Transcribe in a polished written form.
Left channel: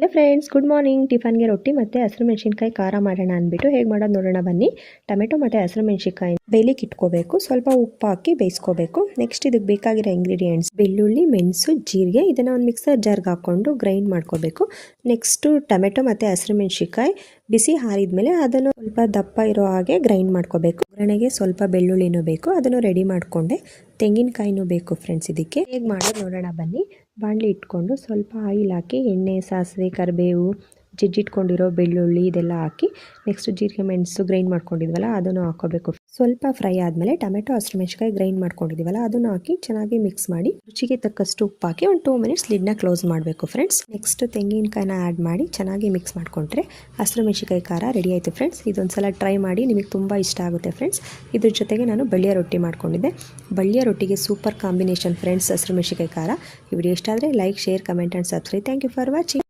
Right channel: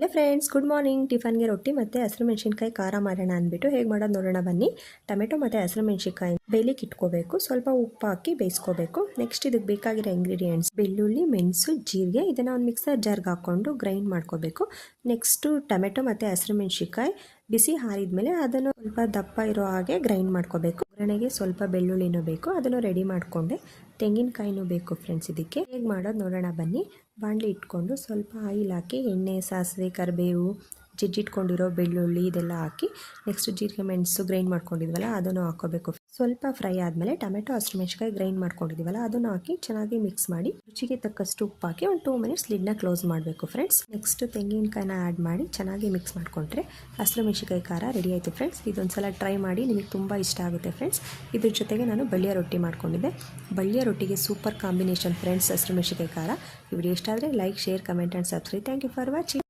Hello friends, good morning. ಟಿಫನ್ಗೆ ರೊಟ್ಟಿ ಮತ್ತು ಹಸಿರು ಮೆಣಸಿನ್ಕಾಯಿ ಖಾರ ಮಾಡೋಣ ಅಂದ್ಬಿಟ್ಟು ಹೇಗೆ ಮಾಡೋದು ನೋಡೋಣ ಬನ್ನಿ. ಟೊಮೆಟೊ ಮತ್ತು ಹಸಿರು ಮೆಣಸಿನ್ಕಾಯಿ ಬೇಯಲಿಕ್ಕೆ ಇಟ್ಕೋಬೇಕು. ಸ್ವಲ್ಪ ಉಪ್ಪು ಹಾಕಿ ಬೇಯಿಸ್ಕೋಬೇಕು. ನೆಕ್ಸ್ಟ್ ಇದಕ್ಕೆ ಬೇಕಾಗಿರೋ ಇಂಗ್ರೀಡಿಯೆಂಟ್ಸ್ ಬೆಳ್ಳುಳ್ಳಿ, ಮೆಣಸು, ಜೀರಿಗೆ. ಇದನ್ನು ಒಂದು ಮಿಕ್ಸರ್ ಜಾರ್ಗೆ ಹಾಕ್ಕೊಂಡು ಗ್ರೈಂಡ್ ಮಾಡ್ಕೋಬೇಕು. ನೆಕ್ಸ್ಟು ಟೊಮೆಟೊ ಮತ್ತು ಹಸಿರು ಮೆಣಸಿನ್ಕಾಯಿ ಬಿಸಿ ಹಾರಿದ್ಮೇಲೆ ಅದನ್ನು ಸ್ವಲ್ಪ ದಪ್ಪ ಇರೋ ಹಾಗೆ ಗ್ರೈಂಡ್ ಮಾಡ್ಕೋಬೇಕು. ಒಗ್ಗರಣೆಗೆ ಸ್ವಲ್ಪ ಬೆಳ್ಳುಳ್ಳಿನೂ ಬೇಕು, ಅದನ್ನು ರೆಡಿ ಮಾಡಿಕೊಂಡೆ. ತೆಂಗಿನಕಾಯಿನೂ ಬೇಕು ಫ್ರೆಂಡ್ಸ್. ಇದಕ್ಕೆ ಹೇಗೆ ಮಾಡೋದು ನೋಡೋಣ ಬನ್ನಿ. ಬಾಣಲಿ ಇಟ್ಕೊಂಡು ಸ್ವಲ್ಪ ಆಯಿಲ್ ಹಾಕಿ ಎಣ್ಣೆ, ಸಾಸಿವೆ, ಕರಿಬೇವು, ಜಜ್ಜಿಟ್ಕೊಂಡಿರೋ ಬೆಳ್ಳುಳ್ಳಿ ಇದೆಲ್ಲ ಹಾಕಿ ನೆಕ್ಸ್ಟ್ ಜೀರಿಗೆ, ಮೆಣಸು ಗ್ರೈಂಡ್ ಮಾಡ್ಕೊಂಡಿದ್ವಲ್ಲ ಅದನ್ನು ಹಾಕೋಬೇಕು. ಸ್ವಲ್ಪ ಫ್ರೈ ಆದಮೇಲೆ ಟೊಮೆಟೊ, ಹಸಿರು ಮೆಣಸಿನ್ಕಾಯಿ ಗ್ರೈಂಡ್ ಮಾಡ್ಕೊಂಡಿದ್ದೀವಲ್ಲ ಅದನ್ನು ಹಾಕಿ ಚೆನ್ನಾಗಿ ಮಿಕ್ಸ್ ಮಾಡಿ ರುಚಿಗೆ ತಕ್ಕಷ್ಟು ಉಪ್ಪು ಹಾಕಿ ಒಂದು 2 ಮಿನಿಟ್ಸ್ ಲಿಡ್ನ ಕ್ಲೋಸ್ ಮಾಡಬೇಕು ಫ್ರೆಂಡ್ಸ್. ನೆಕ್ಸ್ಟ್ ತೆಂಗಿನಕಾಯಿನ ಆ್ಯಡ್ ಮಾಡಿ ಚೆನ್ನಾಗಿ ಮಿಕ್ಸ್ ಮಾಡಿಕೊಂಡ್ರೆ ಹಸಿರು ಮೆಣಸಿನ್ಕಾಯಿ ಖಾರ ರೆಡಿ ಆಯಿತು ಫ್ರೆಂಡ್ಸ್. ಇದೊಂದ್ಸಲ ಟ್ರೈ ಮಾಡಿ, ನಿಮಗೆ ತುಂಬ ಇಷ್ಟ ಆಗುತ್ತೆ ಫ್ರೆಂಡ್ಸ್. ಇದ್ರ ಜೊತೆಗೆ ನಾನು ಬಳ್ಳಿಯ ರೊಟ್ಟಿ ಮಾಡ್ಕೊಂಡಿದ್ದೆ. ಬಳ್ಳಿಯ ರೊಟ್ಟಿಗೆ ಸೂಪರ್ ಕಾಂಬಿನೇಷನ್ ಫ್ರೆಂಡ್ಸ್ ಹಸಿರು ಮೆಣಸಿನ್ಕಾಯಿ ಖಾರ. ಈ ವಿಡಿಯೋ ಇಷ್ಟ ಆದರೆ like, share, comment and subscribe. Thank you for watching.